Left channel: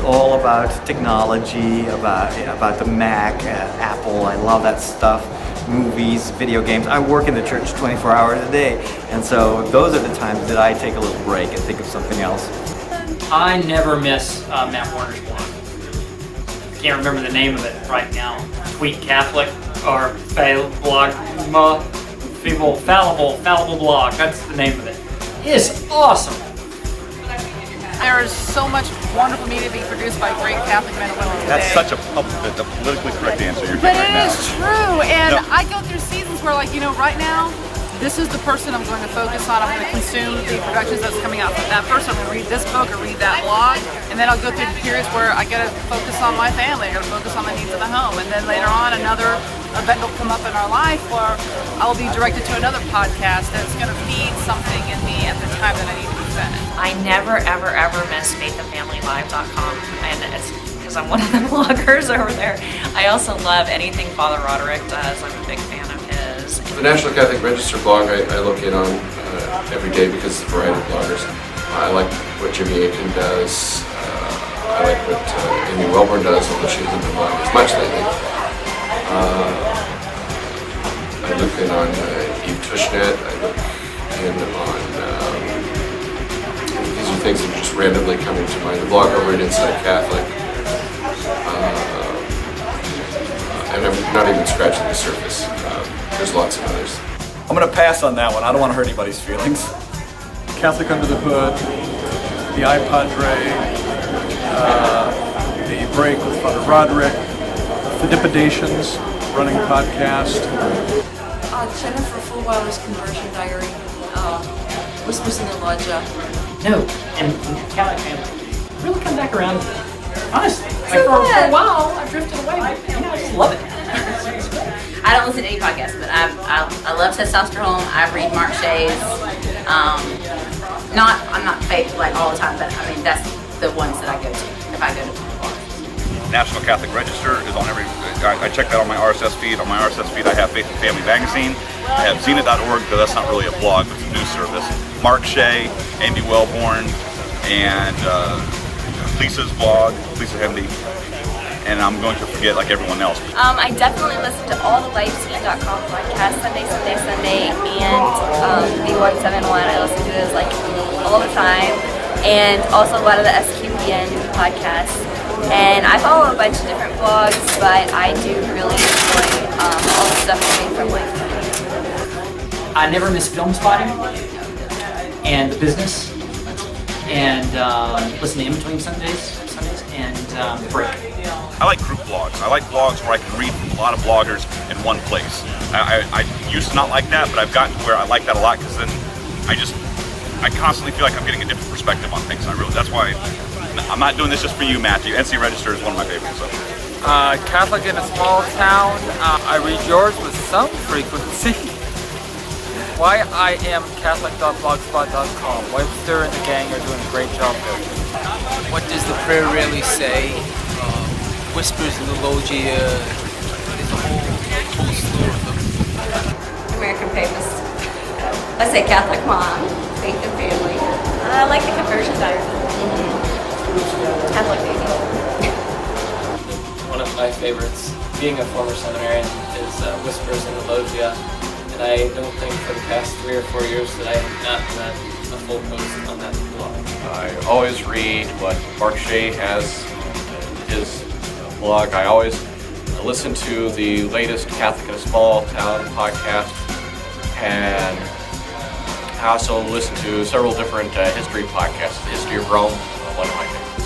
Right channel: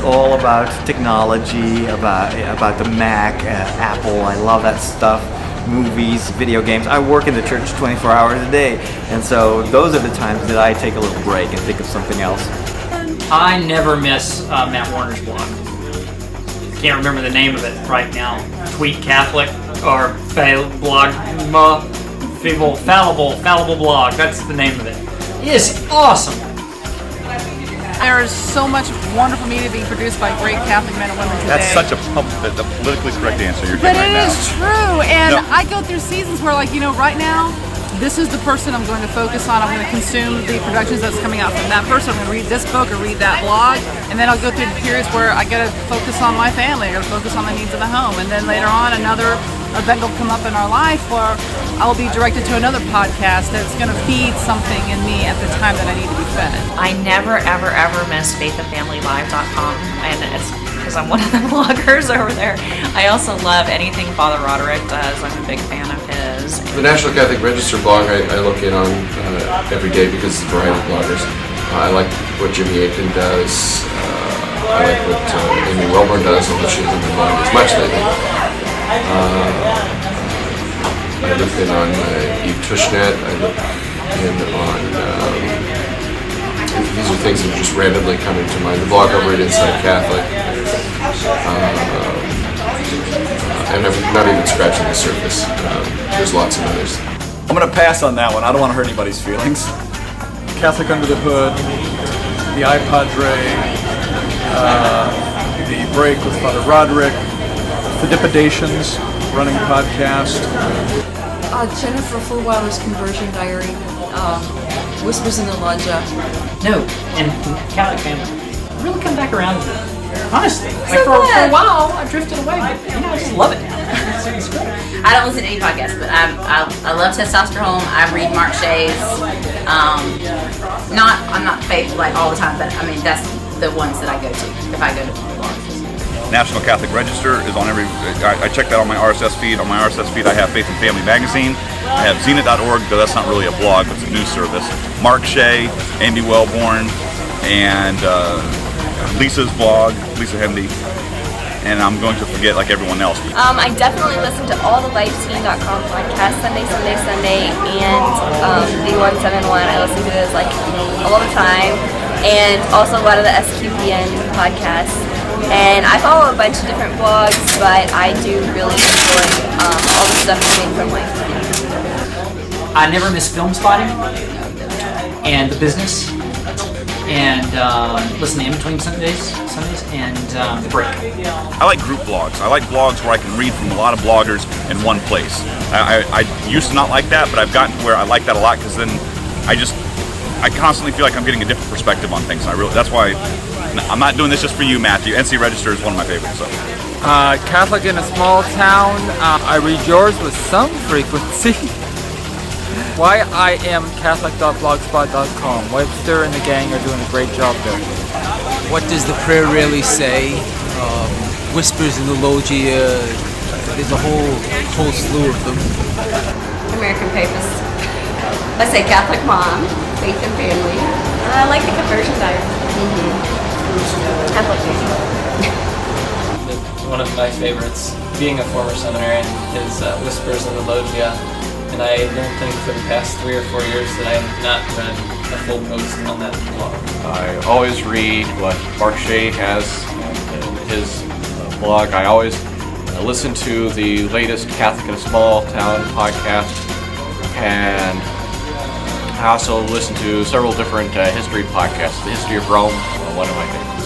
It's all about technology, about the Mac, Apple. I love that stuff. Movies, video games. I work at the church 24 hours a day, and so those are the times that I take a little break and think of something else. I never miss Matt Warner's blog. Can't remember the name of it right now. Tweet Catholic or blog, fallible blog. That's the name of it. It's awesome. There is so much wonderful media being produced by great Catholic men and women today. That's such a politically correct answer you're But giving it right is now. true, and No. I go through seasons where, like, right now, this is the person I'm going to focus on. I'm going to consume the productions that's coming out from that person. I'm going to read this book or read that blog, and then I'll go through periods where I got to focus on my family, I got to focus on the needs of the home, and then later on another event will come up in our life where I'll be directed to another podcast that's going to feed something in me at the time that I need to be fed. I never, ever, ever miss faithandfamilylive.com, and it's because I'm one of the bloggers over there. I also love anything Father Roderick does. I'm a big fan of his. The National Catholic Register blog I look in on every day because it's a variety of bloggers. I like what Jimmy Aiken does. I like what Amy Wellborn does, although she hasn't been blogging as much lately. I look in on Eve Tushnet. I look in on these are things that are just randomly coming to mind. The blog over at Inside Catholic. And I'm not even scratching the surface. There's lots of others. I'm going to pass on that one. I don't want to hurt anybody's feelings. Catholic Under the Hood, the iPadre, the Break with Father Roderick, the Dipidations, running a podcast. Jennifer Fulwiler's Conversion Diary, Whispers in the Lodgia. No, and Catholic family. Really come back around. Honestly, like So for a good. while I drifted away. I just love it now. I don't listen to any podcasts, but I love Testosterone. I read Mark Shea's. I'm not faithful like all the time, but I mean that's the ones that I go to if I go to blogs. National Catholic Register is on every. I check that on my RSS feed. On my RSS feed, I have Faith and Family magazine. I have Zenit.org, though that's not really a blog, but it's a news service. Mark Shea, Andy Wellborn, and Lisa's blog, Lisa Hendey. And I'm going to forget like everyone else. I definitely listen to all the LifeScene.com podcasts Sunday, and the 171. I listen to those like all the time, and also a lot of the SQPN podcasts. And I follow a bunch of different blogs, but I do really enjoy all the stuff coming from LifeScene. I never miss Film Spotting and The Business, and listen to In Between Sundays, and The Break. I like group blogs. I like blogs where I can read from a lot of bloggers in one place. I used to not like that, but I've gotten to where I like that a lot because then I constantly feel like I'm getting a different perspective on things. That's why I'm not doing this just for you, Matthew. NC Register is one of my favorites. So. Catholic in a small town. I read yours with some frequency. Why I am Catholic.blogspot.com. Webster and the gang are doing a great job there. What does the prayer really say? Whispers in the Loggia. There's a whole slew of them. American Famous. I say Catholic Mom, Faith and Family. I like the Conversion Diary. Catholic Baby. One of my favorites, being a former seminarian, is Whispers in the Loggia. And I don't think for the past 3 or 4 years that I have not read a full post on that blog. I always read what Mark Shea has in his blog. I always listen to the latest Catholic in a Small Town podcast. And I also listen to several different history podcasts. The History of Rome, one of my favorites.